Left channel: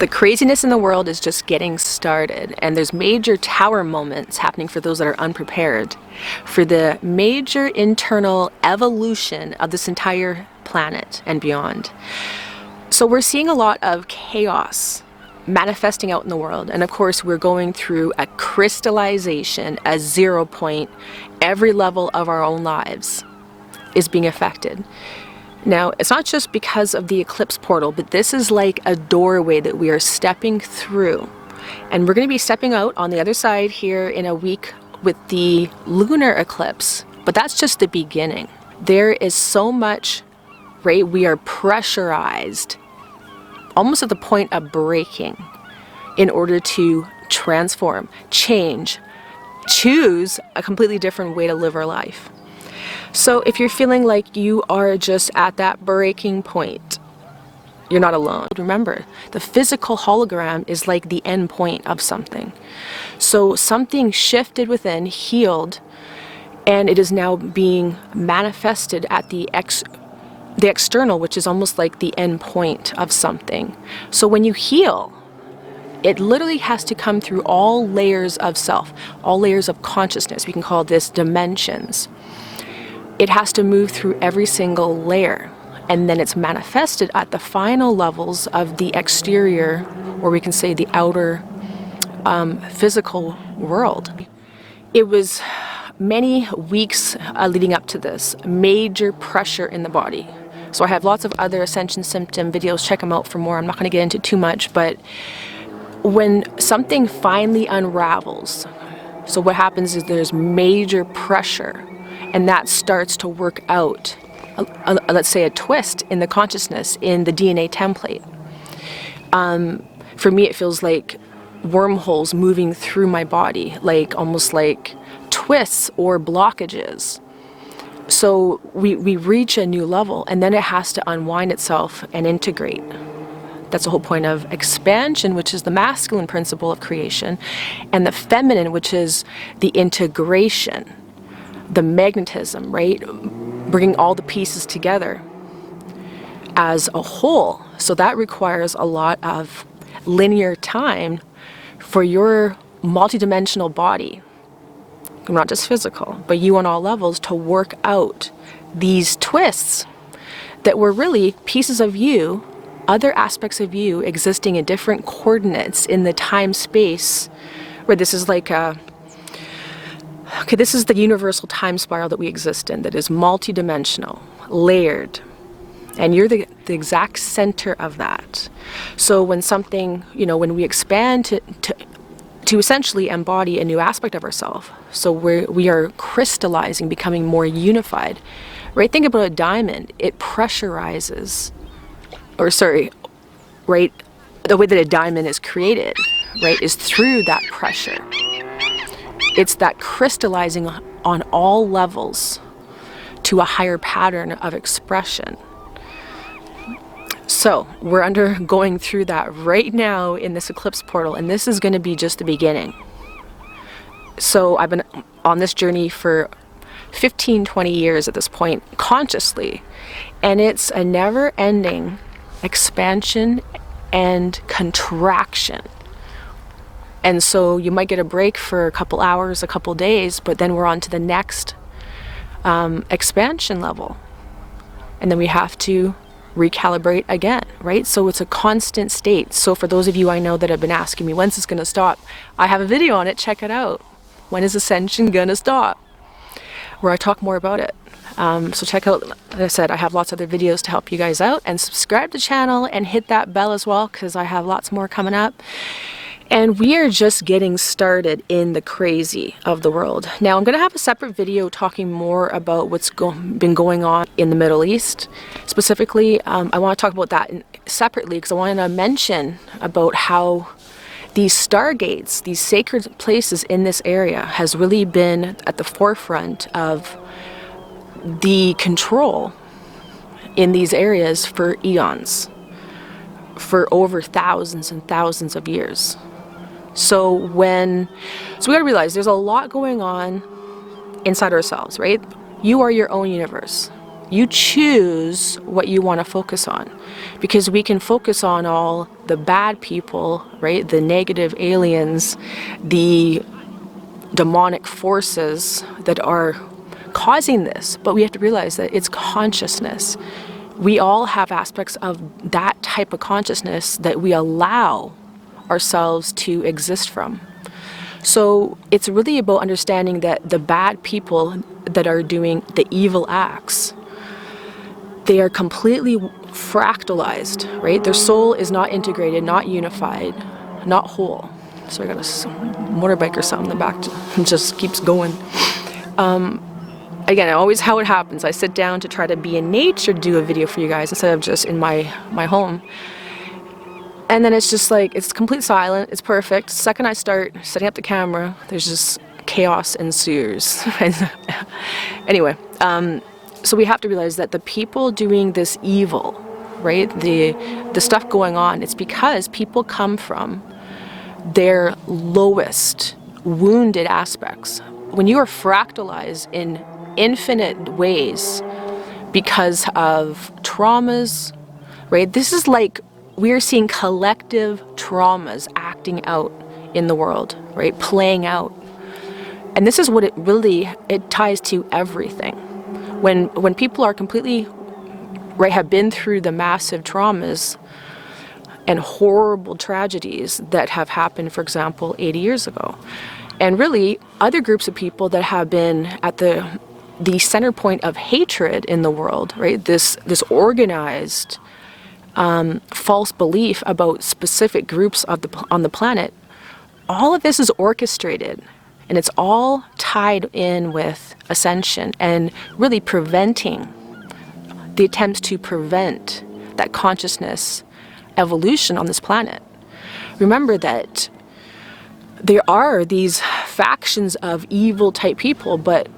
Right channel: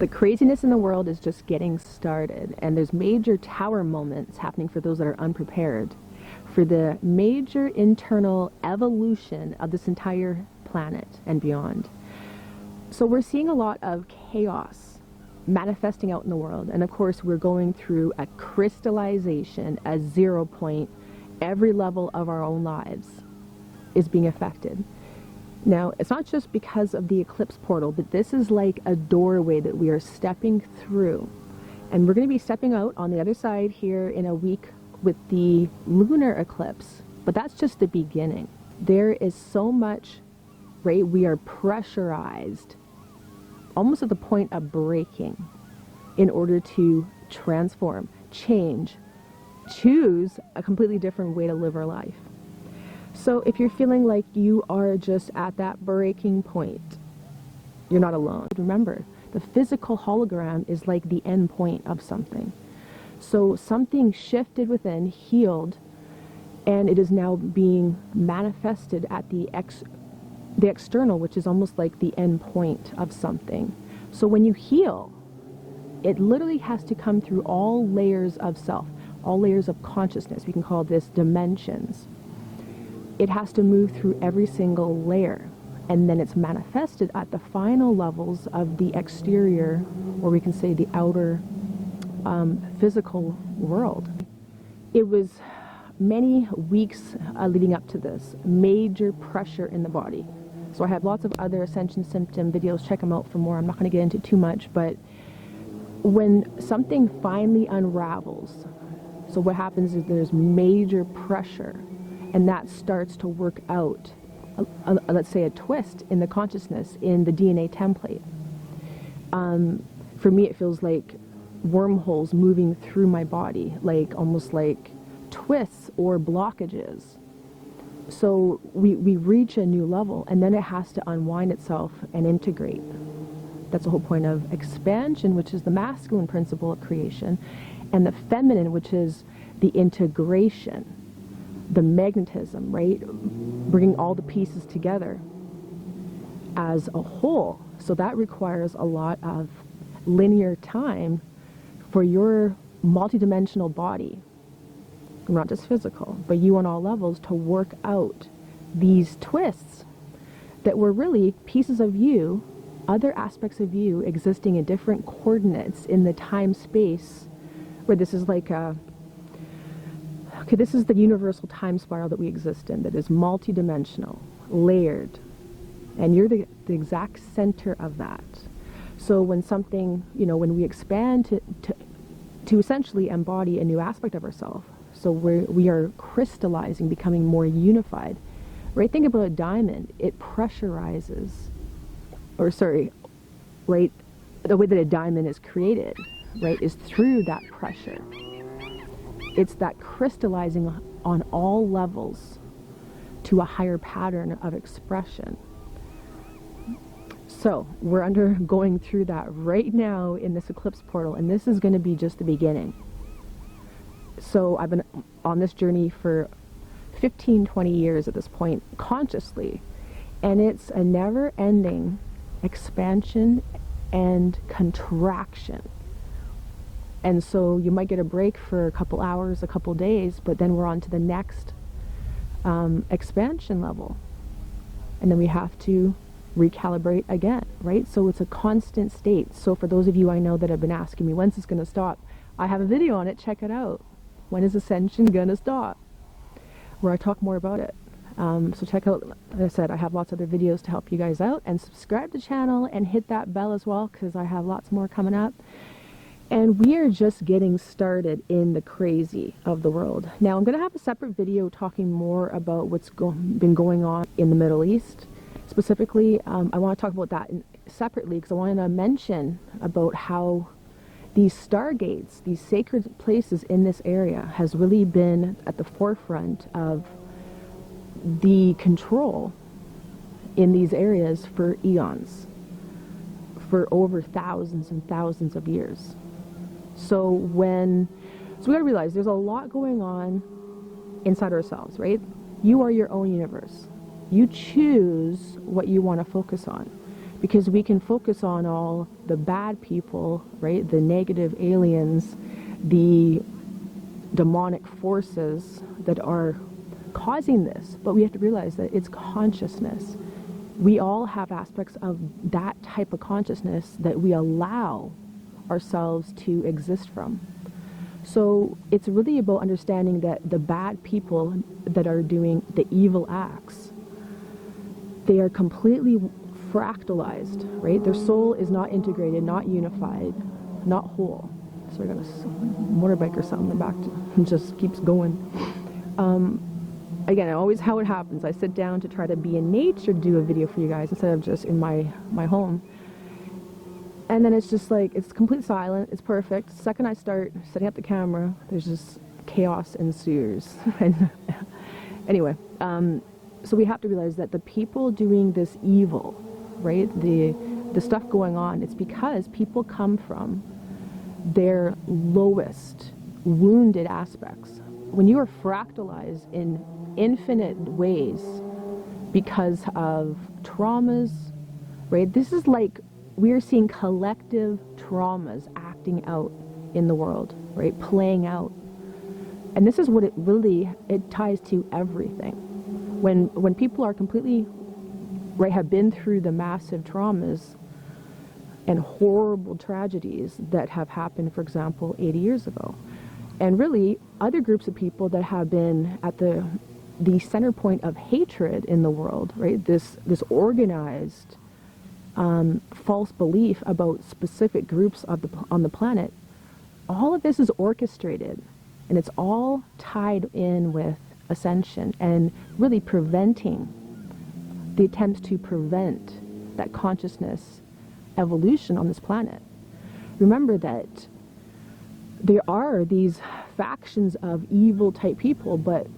The craziness in the world is just getting started, and there's major tower moments happening for those that are unprepared for the major internal evolution of this entire planet and beyond. So we're seeing a lot of chaos manifesting out in the world, and of course we're going through a crystallization, a 0 point. Every level of our own lives is being affected. Now, it's not just because of the eclipse portal, but this is like a doorway that we are stepping through. And we're going to be stepping out on the other side here in a week with the lunar eclipse. But that's just the beginning. There is so much, right? We are pressurized, almost at the point of breaking, in order to transform, change, choose a completely different way to live our life. So if you're feeling like you are just at that breaking point, you're not alone. Remember, the physical hologram is like the end point of something. So something shifted within, healed, and it is now being manifested at the external, which is almost like the end point of something. So when you heal, it literally has to come through all layers of self, all layers of consciousness. We can call this dimensions. It has to move through every single layer, and then it's manifested at the final levels of the exterior, or we can say the outer physical world. It was many weeks leading up to this, major pressure in the body. So I have lots of other Ascension symptom videos, check them out for more. I'm not going to get into too much, but when something finally unravels, so what happens is there's major pressure, and that starts to work out, let's say, a twist in the consciousness, in the DNA template. For me, it feels like wormholes moving through my body, like almost like twists or blockages. So we reach a new level, and then it has to unwind itself and integrate. That's the whole point of expansion, which is the masculine principle of creation, and the feminine, which is the integration. The magnetism, right? Bringing all the pieces together as a whole. So that requires a lot of linear time for your multidimensional body, not just physical, but you on all levels, to work out these twists that were really pieces of you, other aspects of you existing in different coordinates in the time-space, where this is like a okay, this is the universal time spiral that we exist in, that is multidimensional, layered, and you're the exact center of that. So when something, when we expand to essentially embody a new aspect of ourselves, so we are crystallizing, becoming more unified, right? Think about a diamond. It pressurizes, right? The way that a diamond is created, right, is through that pressure. It's that crystallizing on all levels to a higher pattern of expression. So we're undergoing through that right now in this eclipse portal, and this is going to be just the beginning. So I've been on this journey for 15, 20 years at this point, consciously, and it's a never-ending expansion and contraction. And so you might get a break for a couple hours, a couple days, but then we're on to the next expansion level. And then we have to recalibrate again, right? So it's a constant state. So for those of you I know that have been asking me, when's this going to stop? I have a video on it. Check it out. When is Ascension going to stop? Where I talk more about it. So check out, like I said, I have lots of other videos to help you guys out. And subscribe to the channel and hit that bell as well, because I have lots more coming up. And we are just getting started in the crazy of the world. Now, I'm going to have a separate video talking more about what's been going on in the Middle East. Specifically, I want to talk about that separately, because I want to mention about how these stargates, these sacred places in this area, has really been at the forefront of the control in these areas for eons, for over thousands and thousands of years. So we gotta realize there's a lot going on inside ourselves, right? You are your own universe. You choose what you want to focus on, because we can focus on all the bad people, right? The negative aliens, the demonic forces that are causing this, but we have to realize that it's consciousness. We all have aspects of that type of consciousness that we allow ourselves to exist from. So it's really about understanding that the bad people that are doing the evil acts, they are completely fractalized, right? Their soul is not integrated, not unified, not whole. So I got a motorbike or something in the back just keeps going. Again, always how it happens. I sit down to try to be in nature to do a video for you guys instead of just in my home. And then it's just like, it's complete silent, it's perfect. The second I start setting up the camera, there's just chaos ensues. Anyway, so we have to realize that the people doing this evil, right, the stuff going on, it's because people come from their lowest wounded aspects. When you are fractalized in infinite ways because of traumas, right, this is like we're seeing collective traumas acting out in the world, right, playing out. And this is what it ties to everything. When people are completely, right, have been through the massive traumas and horrible tragedies that have happened, for example, 80 years ago. And really, other groups of people that have been at the center point of hatred in the world, right? This organized false belief about specific groups on the planet, all of this is orchestrated, and it's all tied in with Ascension and really preventing the attempts to prevent that consciousness evolution on this planet. Remember that there are these factions of evil type people, but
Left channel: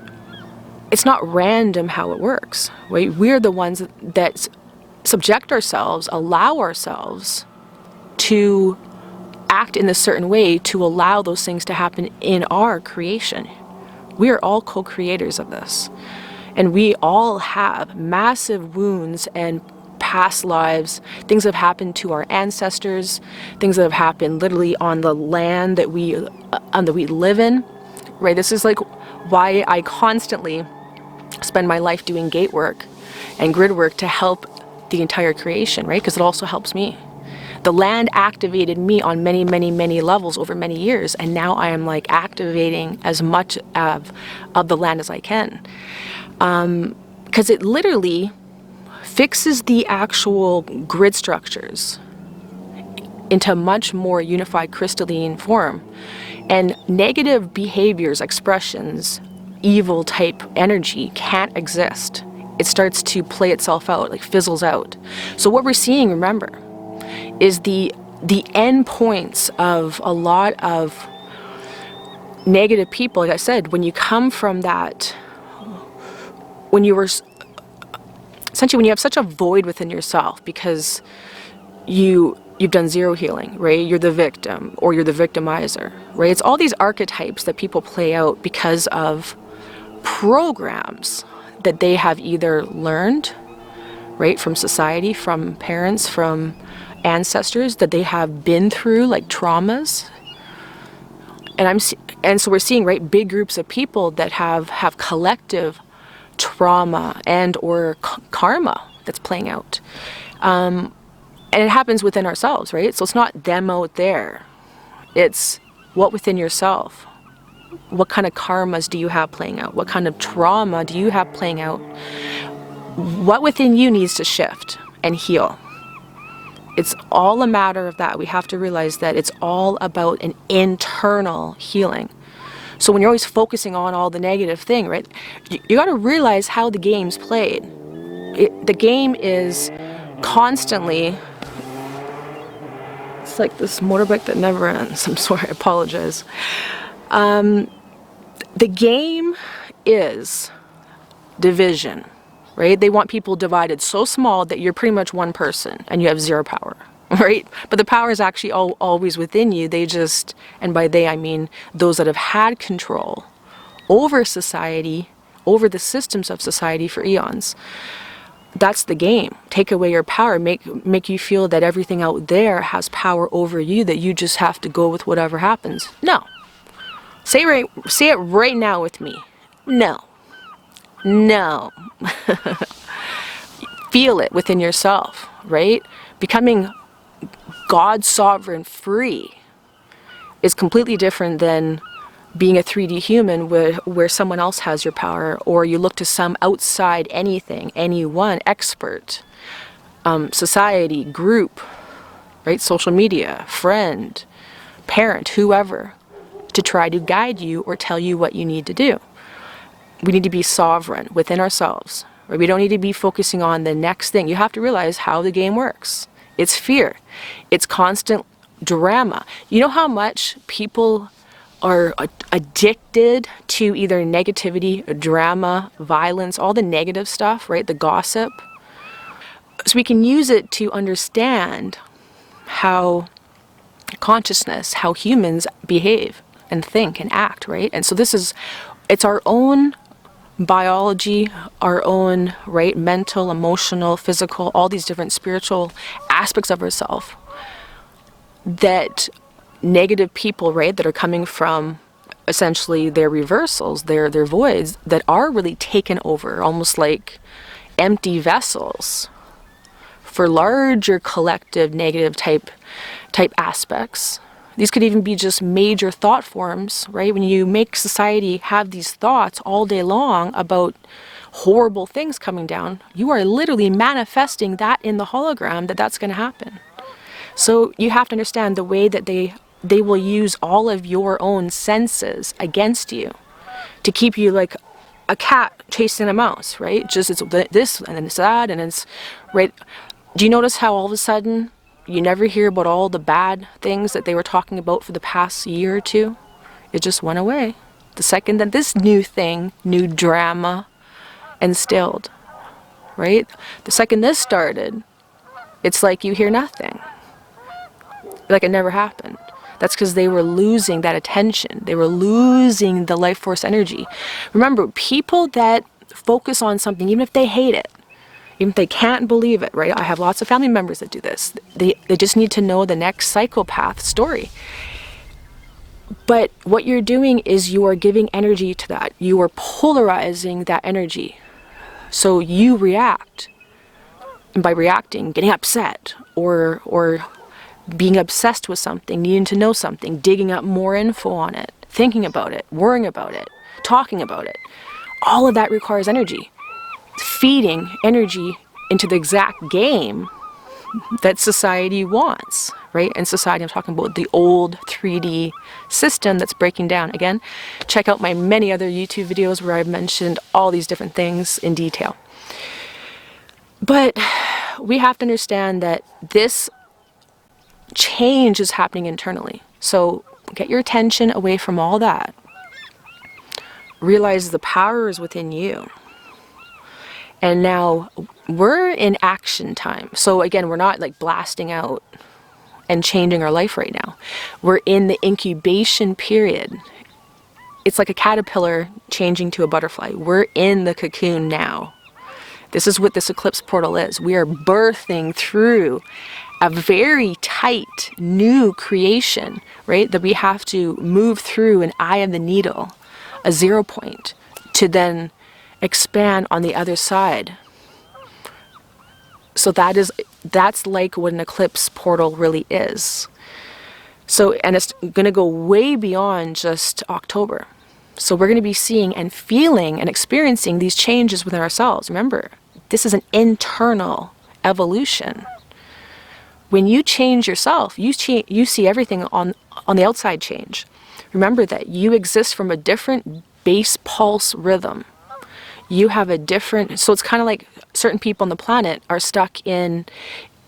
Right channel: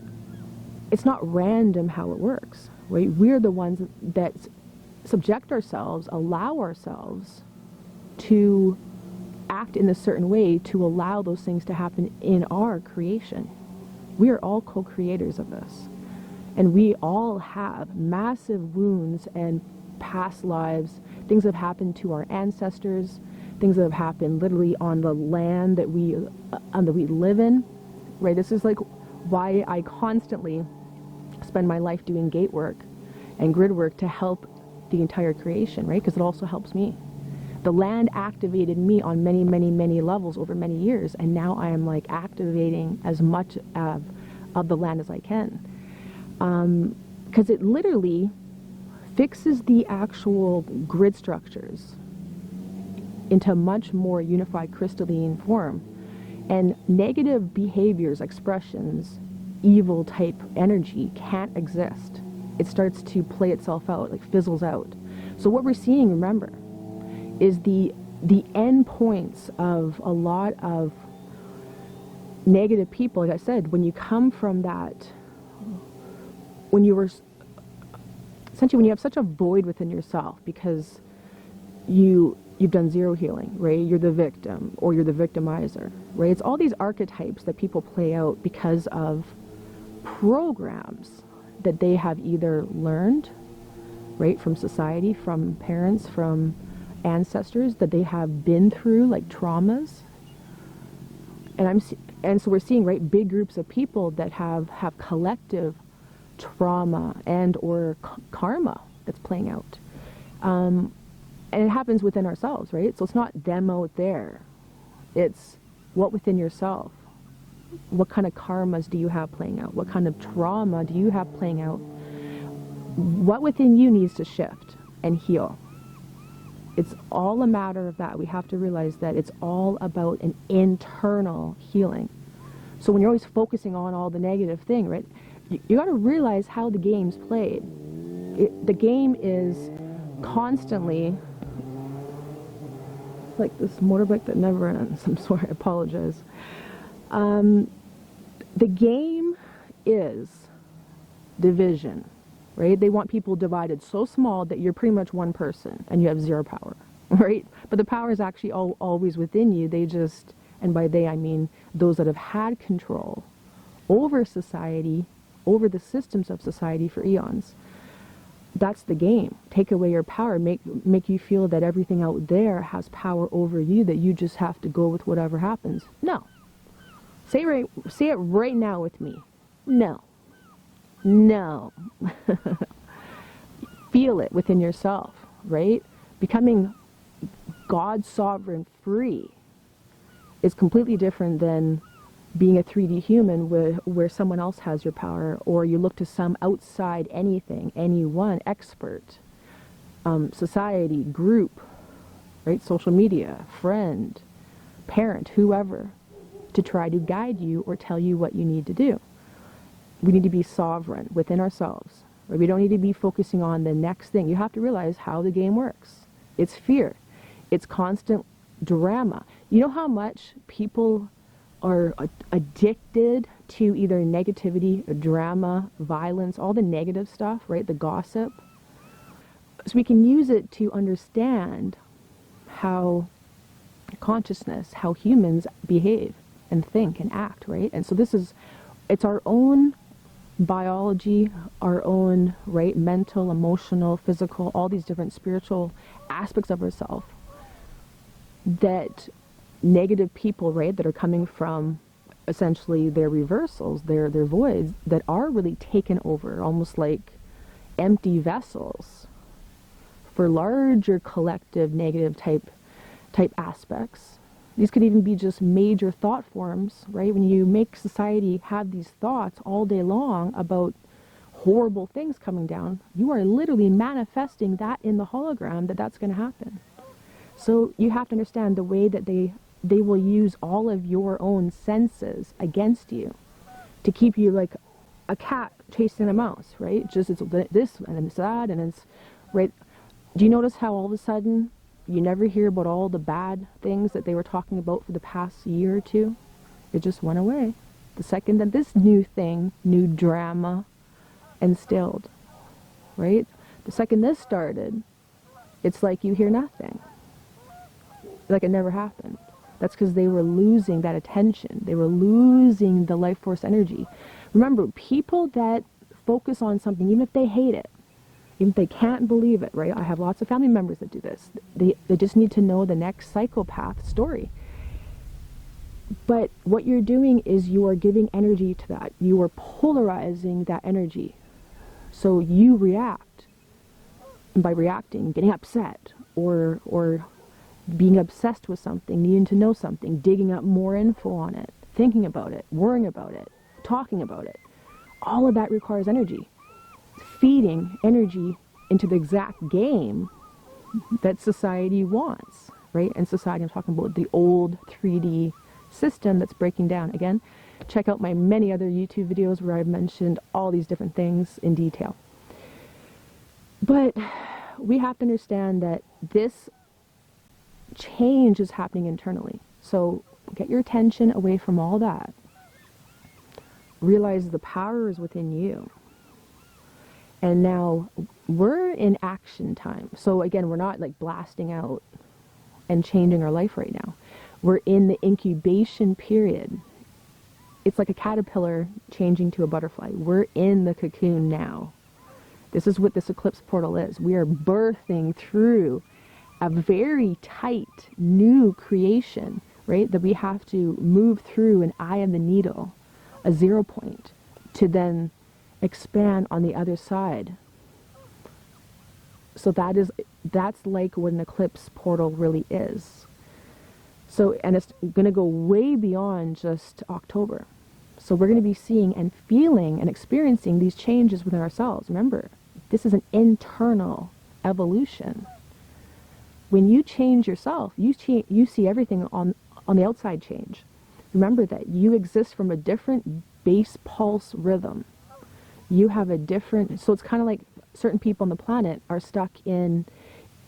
it's not random how it works, right? We're the ones that subject ourselves, allow ourselves to act in a certain way to allow those things to happen in our creation. We are all co-creators of this. And we all have massive wounds and past lives, things that have happened to our ancestors, things that have happened literally on the land that we live in, right? This is like why I constantly spend my life doing gate work and grid work to help the entire creation, right? Because it also helps me. The land activated me on many, many, many levels over many years, and now I am like activating as much of the land as I can. Because it literally fixes the actual grid structures into a much more unified crystalline form. And negative behaviors, expressions, evil type energy can't exist. It starts to play itself out, like fizzles out. So what we're seeing, remember, is the end points of a lot of negative people. Like I said, when you come from that, when you were essentially, when you have such a void within yourself because you've done zero healing, right? You're the victim or you're the victimizer, right? It's all these archetypes that people play out because of programs that they have either learned, right, from society, from parents, from ancestors, that they have been through, like traumas. And so we're seeing, right, big groups of people that have collective trauma and or karma that's playing out. And it happens within ourselves, right? So it's not them out there. It's what within yourself. What kind of karmas do you have playing out? What kind of trauma do you have playing out? What within you needs to shift and heal? It's all a matter of that. We have to realize that it's all about an internal healing. So when you're always focusing on all the negative thing, right, you got to realize how the game's played. The game is constantly, it's like this motorbike that never ends. I'm sorry, I apologize. The game is division, right? They want people divided so small that you're pretty much one person and you have zero power, right? But the power is actually always within you. They just, and by they I mean those that have had control over society over the systems of society for eons. That's the game. Take away your power, make you feel that everything out there has power over you, that you just have to go with whatever happens. No. Say it right now with me. No. No. Feel it within yourself, right? Becoming God sovereign free is completely different than being a 3D human where someone else has your power, or you look to some outside anything, anyone, expert, society, group, right? Social media, friend, parent, whoever, to try to guide you or tell you what you need to do. We need to be sovereign within ourselves. Right? We don't need to be focusing on the next thing. You have to realize how the game works. It's fear. It's constant drama. You know how much people are addicted to either negativity, drama, violence, all the negative stuff, right? The gossip. So we can use it to understand how consciousness, how humans behave and think and act, right? And so it's our own biology, our own, right, mental, emotional, physical, all these different spiritual aspects of ourselves that negative people, right, that are coming from essentially their reversals, their voids, that are really taken over, almost like empty vessels for larger collective negative type aspects. These could even be just major thought forms, right? When you make society have these thoughts all day long about horrible things coming down, you are literally manifesting that in the hologram that's going to happen. So you have to understand the way that they will use all of your own senses against you to keep you like a cat chasing a mouse, right? Just it's this and then it's that and it's, right? Do you notice how all of a sudden you never hear about all the bad things that they were talking about for the past year or two? It just went away. The second that this new drama instilled, right? The second this started, it's like you hear nothing. Like it never happened. That's because they were losing that attention. They were losing the life force energy. Remember, people that focus on something, even if they hate it, even if they can't believe it, right? I have lots of family members that do this. They just need to know the next psychopath story. But what you're doing is you are giving energy to that. You are polarizing that energy. So you react. And by reacting, getting upset or being obsessed with something, needing to know something, digging up more info on it, thinking about it, worrying about it, talking about it. All of that requires energy. Feeding energy into the exact game that society wants, right? And society, I'm talking about the old 3D system that's breaking down. Again, check out my many other YouTube videos where I've mentioned all these different things in detail. But we have to understand that this change is happening internally. So get your attention away from all that. Realize the power is within you. And now we're in action time. So again, we're not like blasting out and changing our life right now. We're in the incubation period. It's like a caterpillar changing to a butterfly. We're in the cocoon now. This is what this eclipse portal is. We are birthing through a very tight new creation, right? That we have to move through an eye of the needle, a 0 point, to then expand on the other side. So that's like what an eclipse portal really is. So, and it's going to go way beyond just October. So we're going to be seeing and feeling and experiencing these changes within ourselves. Remember, this is an internal evolution. When you change yourself, you see everything on the outside change. Remember that you exist from a different base pulse rhythm. You have a different, so it's kind of like certain people on the planet are stuck in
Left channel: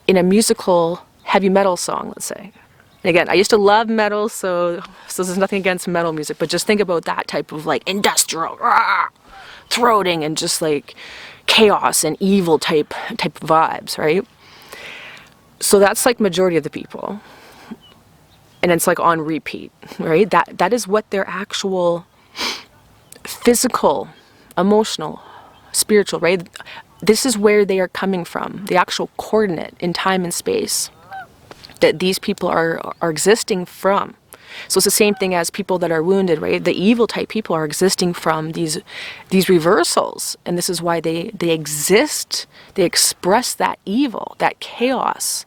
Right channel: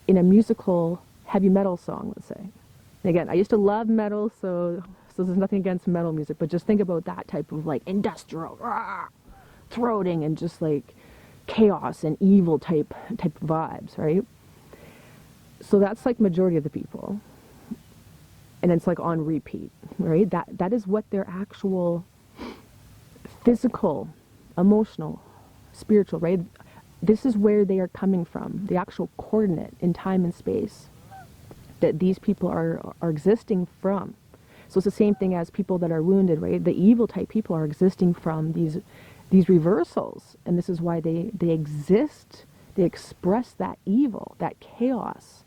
a musical heavy metal song, let's say. And again, I used to love metal, so there's nothing against metal music, but just think about that type of like industrial, throating and just like chaos and evil type vibes, right? So that's like majority of the people. And it's like on repeat, right? That is what their actual physical emotional, spiritual, right? This is where they are coming from, the actual coordinate in time and space that these people are existing from. So it's the same thing as people that are wounded, right? The evil type people are existing from these reversals. And this is why they exist. They express that evil, that chaos,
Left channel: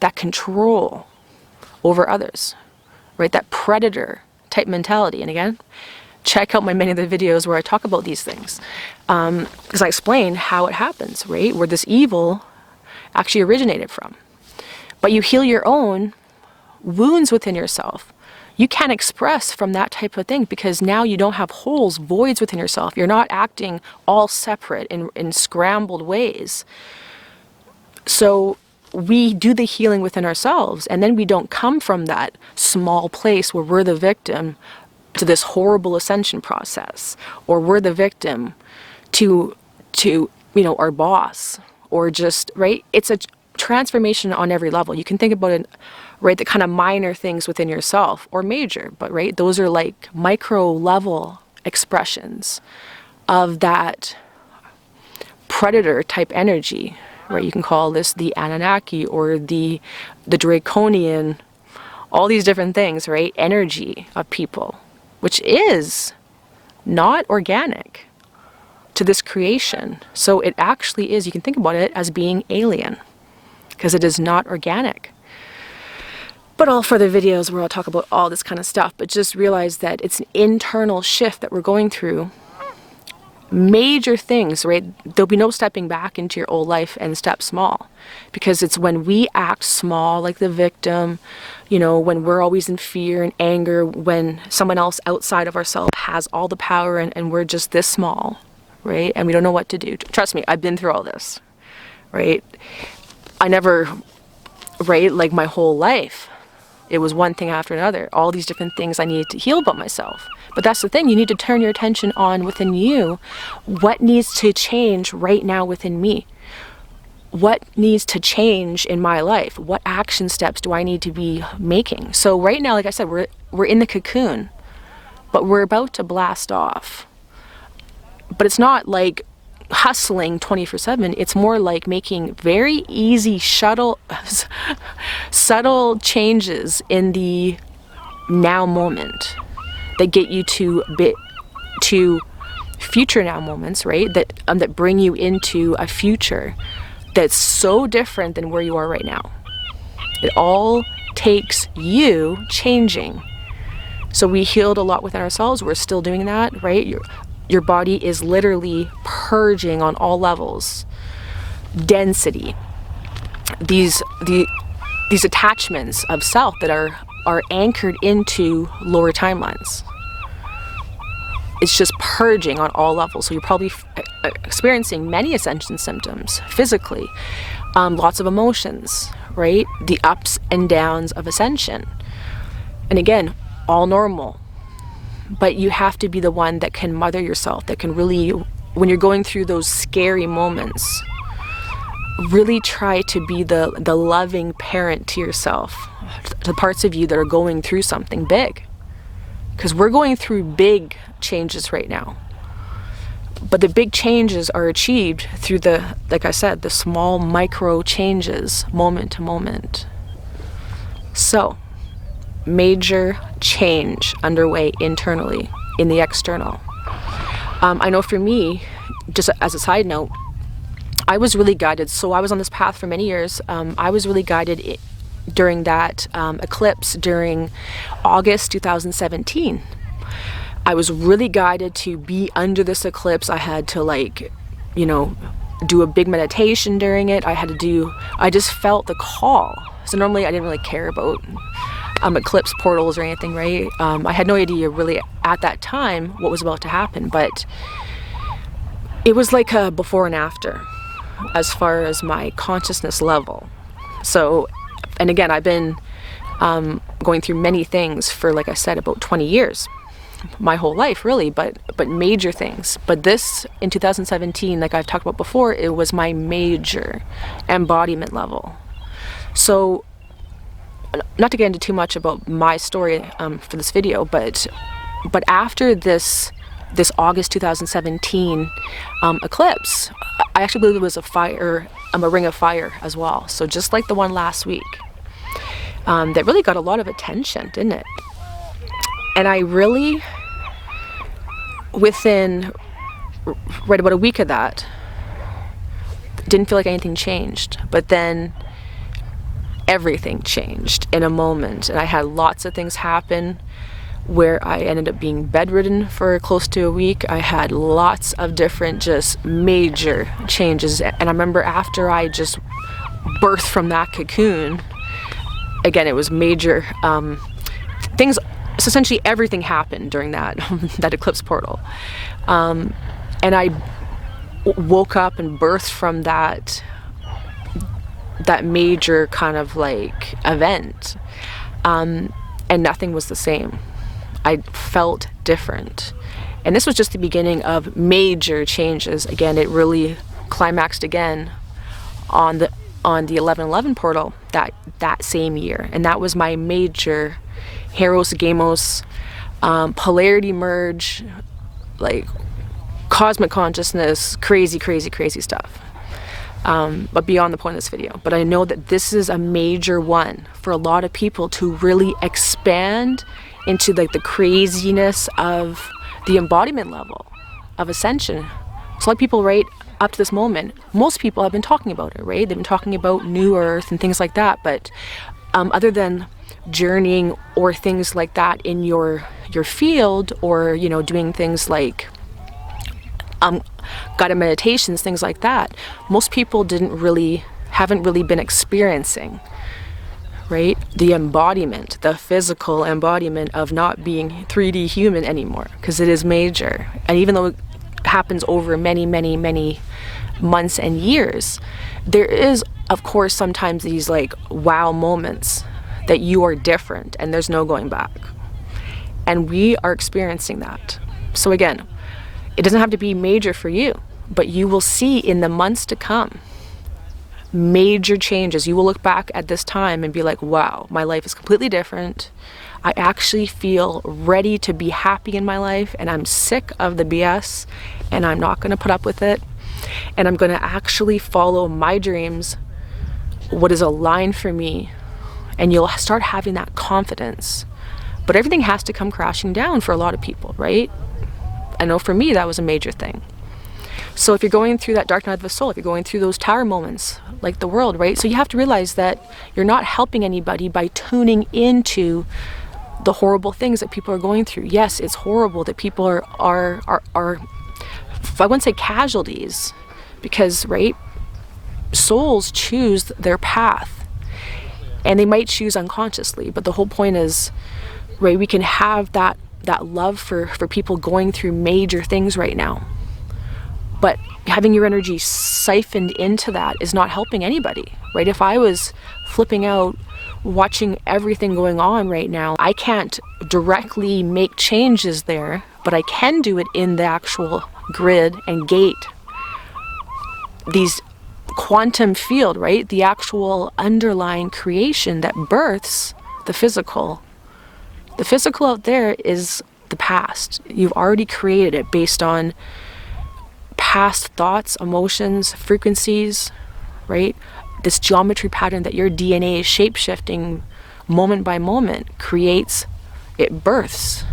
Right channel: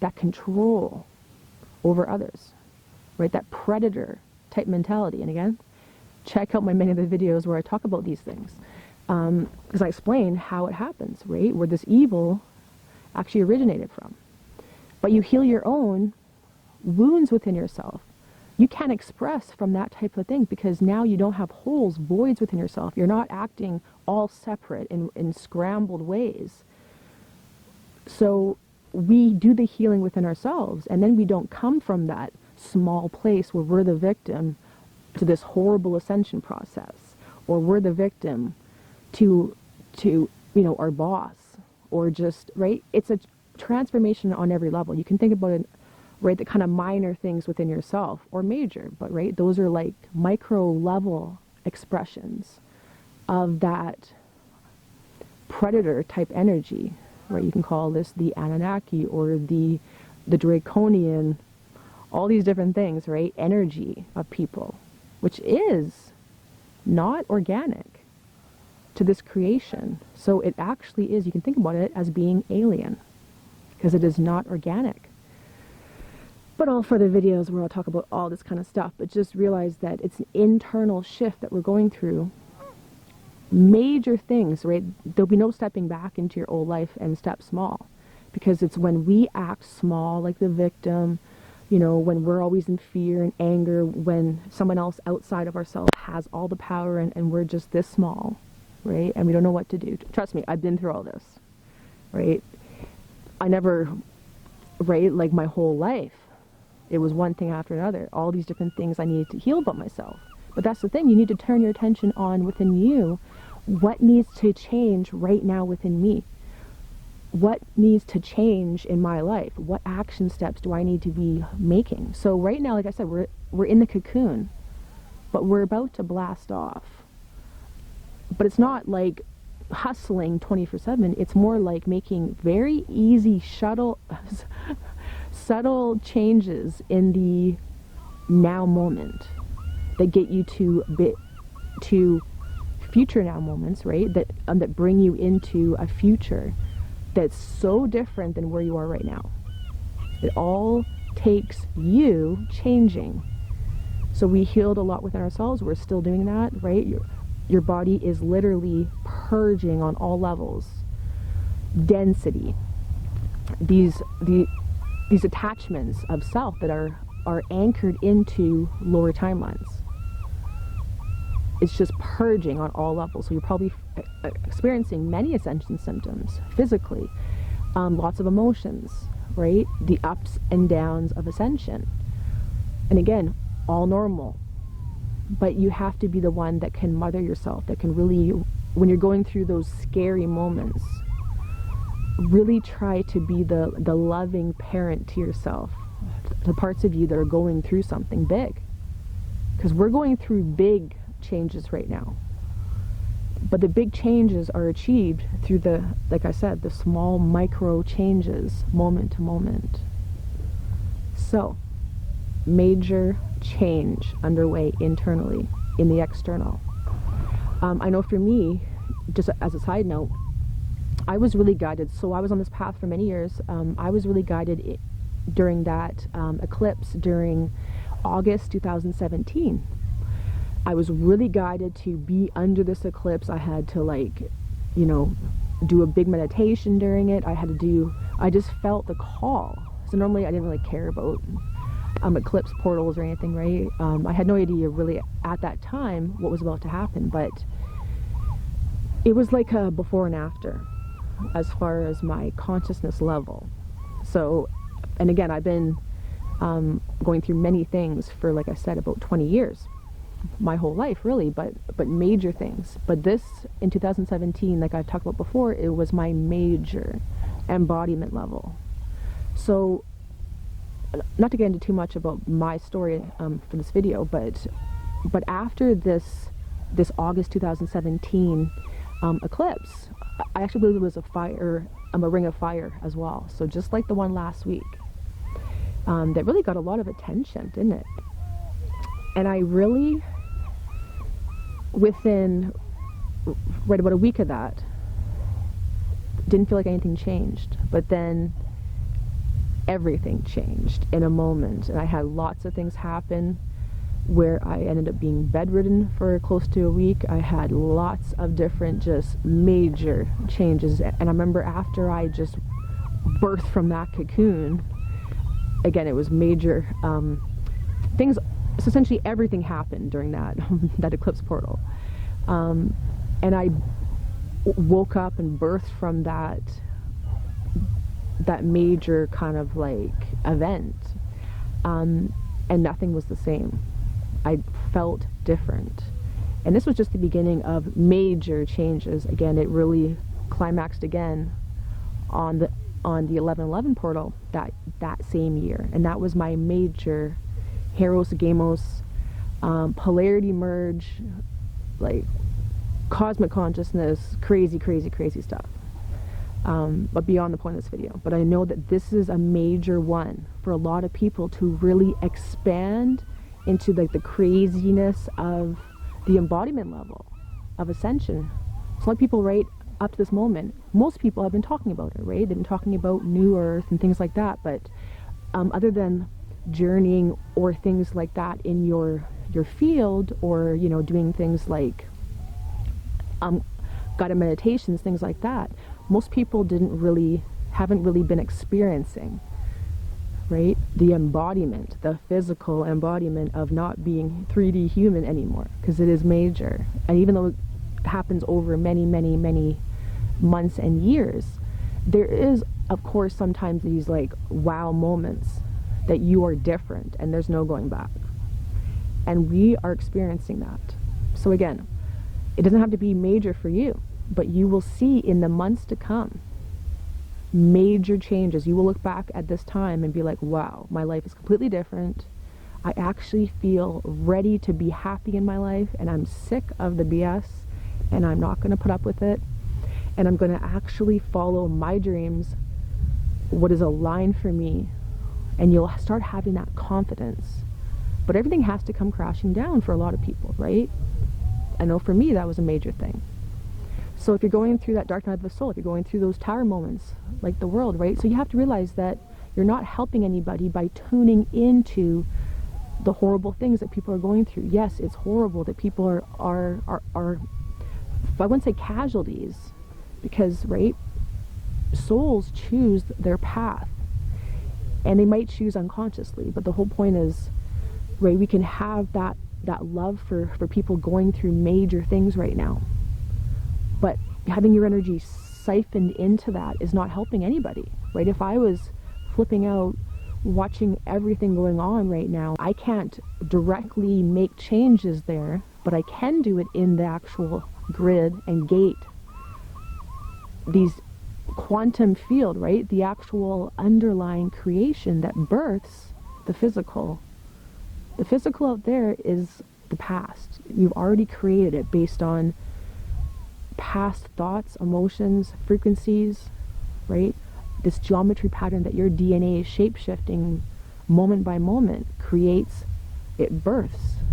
that control over others, right? That predator type mentality. And again, check out many of the videos where I talk about these things. Because I explain how it happens, right? Where this evil actually originated from. But you heal your own wounds within yourself. You can't express from that type of thing because now you don't have holes, voids within yourself. You're not acting all separate in scrambled ways. So we do the healing within ourselves, and then we don't come from that small place where we're the victim to this horrible ascension process, or we're the victim to our boss, or just, right? It's a transformation on every level. You can think about it, right, the kind of minor things within yourself, or major, but right, those are like micro level expressions of that predator type energy, right? You can call this the Anunnaki or the draconian, all these different things, right? Energy of people, which is not organic to this creation. So it actually is, you can think about it as being alien, because it is not organic. But all further videos where I'll talk about all this kind of stuff, but just realize that it's an internal shift that we're going through. Major things, right? There'll be no stepping back into your old life and step small, because it's when we act small, like the victim, when we're always in fear and anger, when someone else outside of ourselves has all the power and we're just this small, right? And we don't know what to do. Trust me, I've been through all this, right? I never, right, like my whole life, it was one thing after another, all these different things I needed to heal about myself. But that's the thing, you need to turn your attention on within you. What needs to change right now within me? What needs to change in my life? What action steps do I need to be making? So right now, like I said, we're in the cocoon, but we're about to blast off. But it's not like hustling 24/7. It's more like making very easy subtle changes in the now moment that get you to future now moments, right? That bring you into a future that's so different than where you are right now. It all takes you changing. So we healed a lot within ourselves. We're still doing that, right? Your body is literally purging on all levels. Density. These attachments of self that are anchored into lower timelines. It's just purging on all levels. So you're probably experiencing many ascension symptoms physically, lots of emotions, right? The ups and downs of ascension. And again, all normal. But you have to be the one that can mother yourself, that can really, when you're going through those scary moments, really try to be the loving parent to yourself, the parts of you that are going through something big. Because we're going through big changes right now. But the big changes are achieved through like I said, the small micro changes, moment to moment. So, major change underway internally in the external. I know for me, just as a side note, I was really guided. So I was on this path for many years. I was really guided during that eclipse during August 2017. I was really guided to be under this eclipse. I had to do a big meditation during it. I just felt the call. So normally I didn't really care about eclipse portals or anything, right? I had no idea really at that time what was about to happen, but it was like a before and after as far as my consciousness level. So, and again, I've been going through many things for, like I said, about 20 years, my whole life really, but major things. But this in 2017, like I've talked about before, it was my major embodiment level. So not to get into too much about my story for this video, but after this this August 2017 eclipse. I actually believe it was a ring of fire as well. So just like the one last week, that really got a lot of attention, didn't it? And I really, within right about a week of that, didn't feel like anything changed. But then everything changed in a moment, and I had lots of things happen where I ended up being bedridden for close to a week. I had lots of different just major changes, and I remember after I just birthed from that cocoon, again, it was major things. So essentially everything happened during that that eclipse portal, and I woke up and birthed from that major kind of like event, and nothing was the same. I felt different, and this was just the beginning of major changes. Again, it really climaxed again on the 1111 portal that same year, and that was my major Heros Gamos polarity merge, like cosmic consciousness, crazy stuff. But beyond the point of this video. But I know that this is a major one for a lot of people to really expand into like the craziness of the embodiment level of ascension. So like people right up to this moment, most people have been talking about it, right? They've been talking about New Earth and things like that, but other than journeying or things like that in your field, or doing things like guided meditations, things like that, most people haven't really been experiencing, right, the embodiment, the physical embodiment of not being 3D human anymore, because it is major. And even though it happens over many months and years, there is, of course, sometimes these like wow moments that you are different and there's no going back. And we are experiencing that. So again, it doesn't have to be major for you, but you will see in the months to come major changes. You will look back at this time and be like, wow, my life is completely different. I actually feel ready to be happy in my life, and I'm sick of the BS, and I'm not going to put up with it, and I'm going to actually follow my dreams, what is aligned for me. And you'll start having that confidence. But everything has to come crashing down for a lot of people, right? I know for me that was a major thing. So if you're going through that dark night of the soul, if you're going through those tower moments like the world, right? So you have to realize that you're not helping anybody by tuning into the horrible things that people are going through. Yes, it's horrible that people are I wouldn't say casualties, because, right, souls choose their path. And they might choose unconsciously, but the whole point is, right, we can have that love for people going through major things right now. But having your energy siphoned into that is not helping anybody, right? If I was flipping out, watching everything going on right now, I can't directly make changes there, but I can do it in the actual grid and gate. These quantum field, right? The actual underlying creation that births the physical. The physical out there is the past. You've already created it based on past thoughts, emotions, frequencies, right? This geometry pattern that your DNA is shape-shifting moment by moment creates, it births.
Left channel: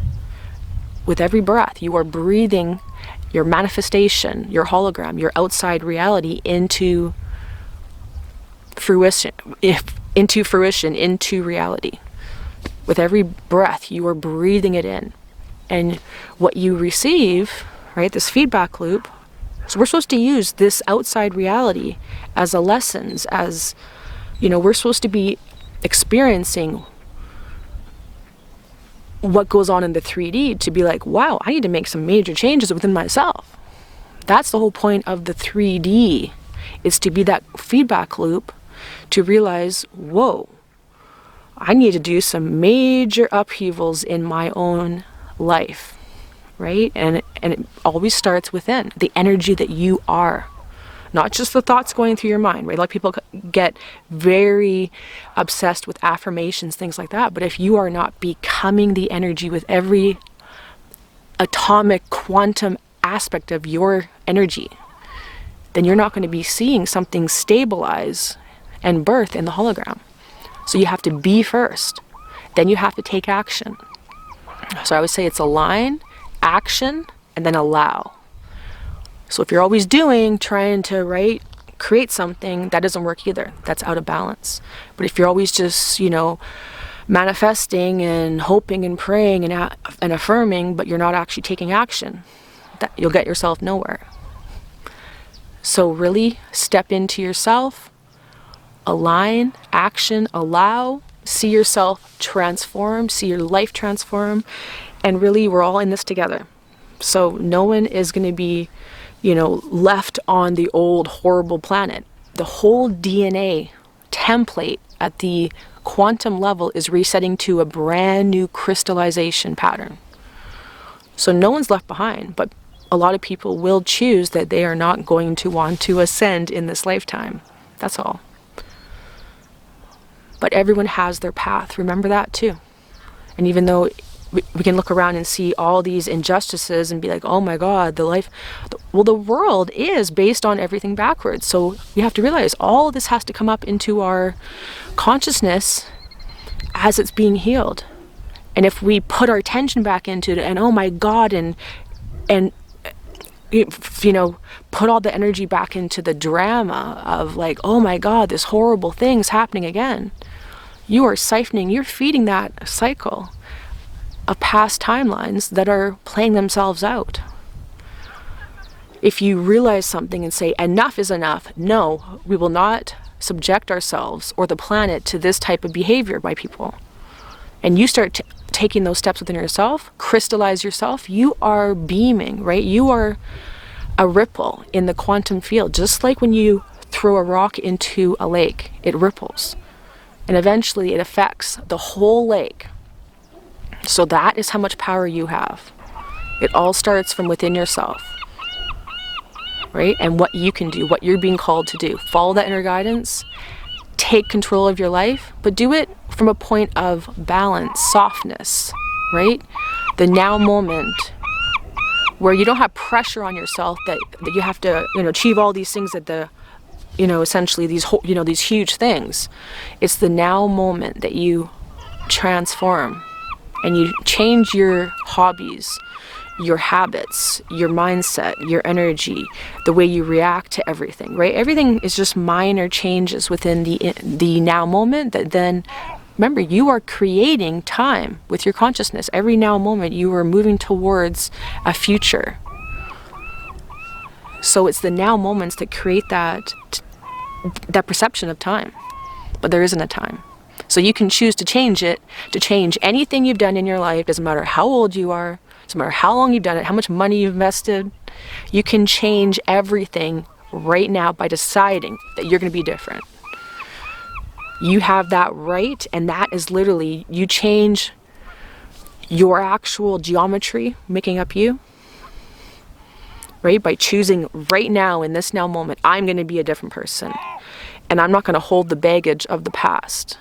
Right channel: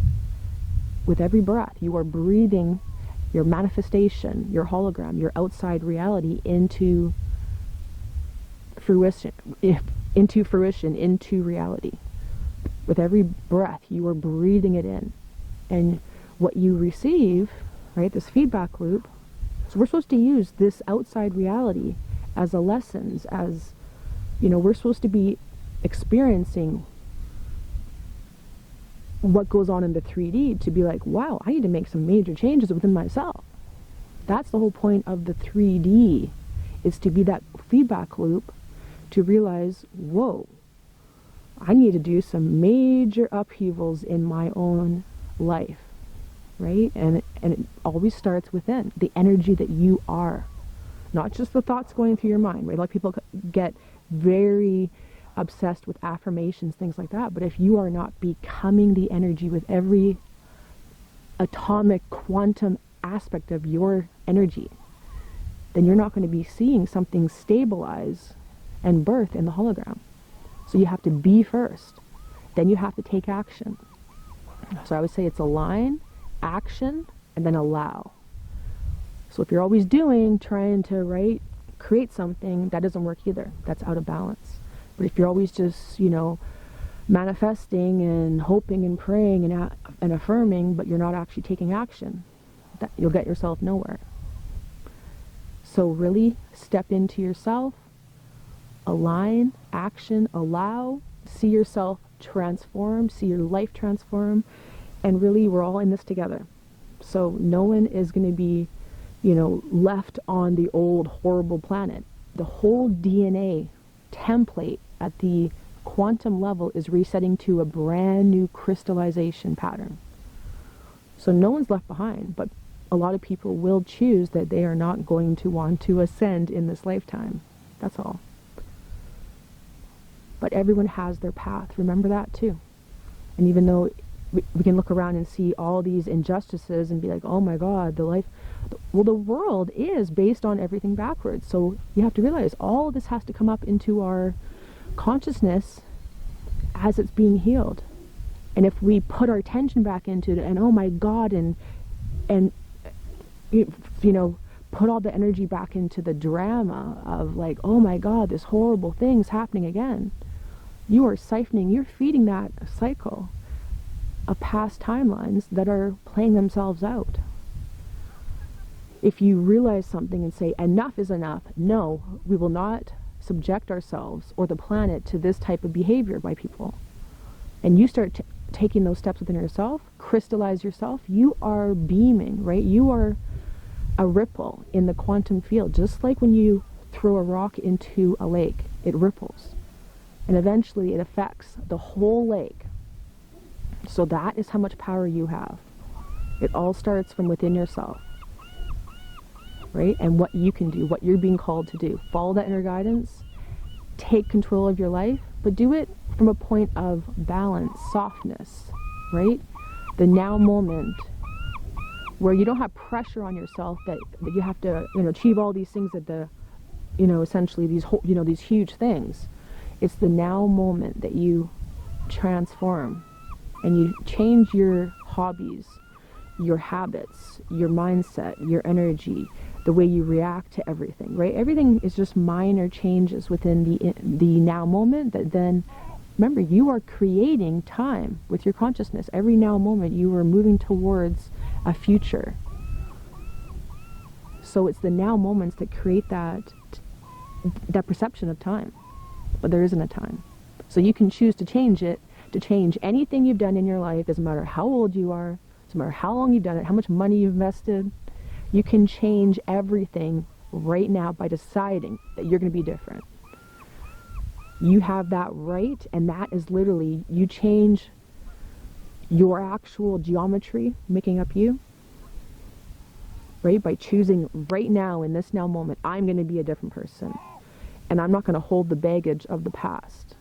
With every breath, you are breathing your manifestation, your hologram, your outside reality into fruition, into reality. With every breath, you are breathing it in. And what you receive, right, this feedback loop, so we're supposed to use this outside reality as a lessons, as, we're supposed to be experiencing what goes on in the 3D to be like, wow, I need to make some major changes within myself. That's the whole point of the 3D, is to be that feedback loop, to realize, whoa, I need to do some major upheavals in my own life, right? And it always starts within, the energy that you are. Not just the thoughts going through your mind, right? Like people get very obsessed with affirmations, things like that. But if you are not becoming the energy with every atomic quantum aspect of your energy, then you're not going to be seeing something stabilize and birth in the hologram. So you have to be first. Then you have to take action. So I would say it's align, action, and then allow. So if you're always trying to, create something, that doesn't work either. That's out of balance. But if you're always just, manifesting and hoping and praying and affirming, but you're not actually taking action, you'll get yourself nowhere. So really step into yourself, align, action, allow, see yourself transform, see your life transform, and really we're all in this together. So no one is going to be, left on the old horrible planet. The whole DNA template at the quantum level is resetting to a brand new crystallization pattern. So no one's left behind, but a lot of people will choose that they are not going to want to ascend in this lifetime. That's all. But everyone has their path. Remember that too. And even though we can look around and see all these injustices and be like, oh my God, the world is based on everything backwards. So you have to realize all of this has to come up into our consciousness as it's being healed. And if we put our attention back into it and oh my God, and put all the energy back into the drama of like, oh my God, this horrible thing's happening again, you are siphoning, you're feeding that cycle of past timelines that are playing themselves out. If you realize something and say, enough is enough, no, we will not subject ourselves or the planet to this type of behavior by people, and you start taking those steps within yourself, crystallize yourself, you are beaming, right? You are a ripple in the quantum field. Just like when you throw a rock into a lake, it ripples. And eventually it affects the whole lake. So that is how much power you have. It all starts from within yourself, right? And what you can do, what you're being called to do. Follow that inner guidance, take control of your life, but do it from a point of balance, softness, right? The now moment, where you don't have pressure on yourself that you have to, achieve all these things at the, essentially these huge things. It's the now moment that you transform and you change your hobbies, your habits, your mindset, your energy, the way you react to everything, right? Everything is just minor changes within the now moment that then, remember, you are creating time with your consciousness. Every now moment you are moving towards a future. So it's the now moments that create that perception of time, but there isn't a time. So you can choose to change it, to change anything you've done in your life. Doesn't matter how old you are, doesn't matter how long you've done it, how much money you've invested. You can change everything right now by deciding that you're going to be different. You have that right, and that is literally, you change your actual geometry making up you, right? By choosing right now, in this now moment, I'm going to be a different person. And I'm not going to hold the baggage of the past.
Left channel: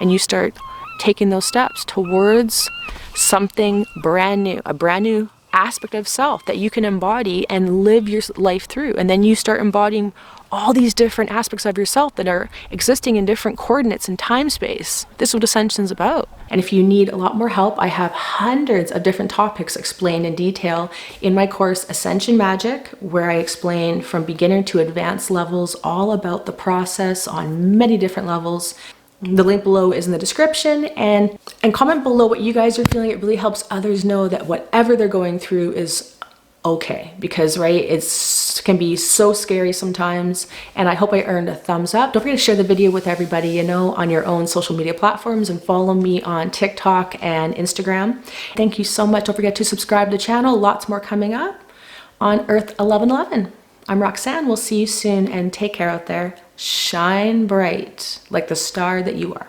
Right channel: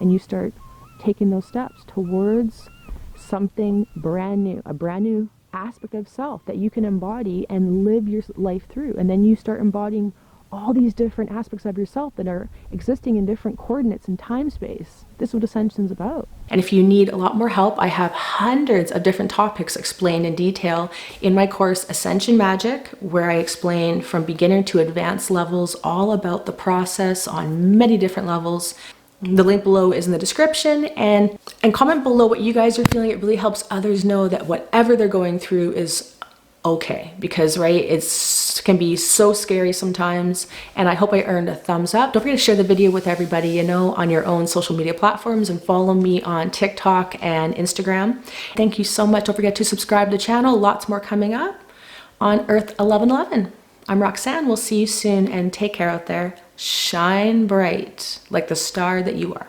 And you start taking those steps towards something brand new, a brand new aspect of self that you can embody and live your life through. And then you start embodying all these different aspects of yourself that are existing in different coordinates in time space. This is what Ascension's about. And if you need a lot more help, I have hundreds of different topics explained in detail in my course Ascension Magic, where I explain from beginner to advanced levels all about the process on many different levels. The link below is in the description, and comment below what you guys are feeling. It really helps others know that whatever they're going through is okay, because it can be so scary sometimes. And I hope I earned a thumbs up. Don't forget to share the video with everybody on your own social media platforms, and follow me on TikTok and Instagram. Thank you so much. Don't forget to subscribe to the channel. Lots more coming up on EARTH1111. I'm Roxanne. We'll see you soon, and take care out there. Shine bright like the star that you are.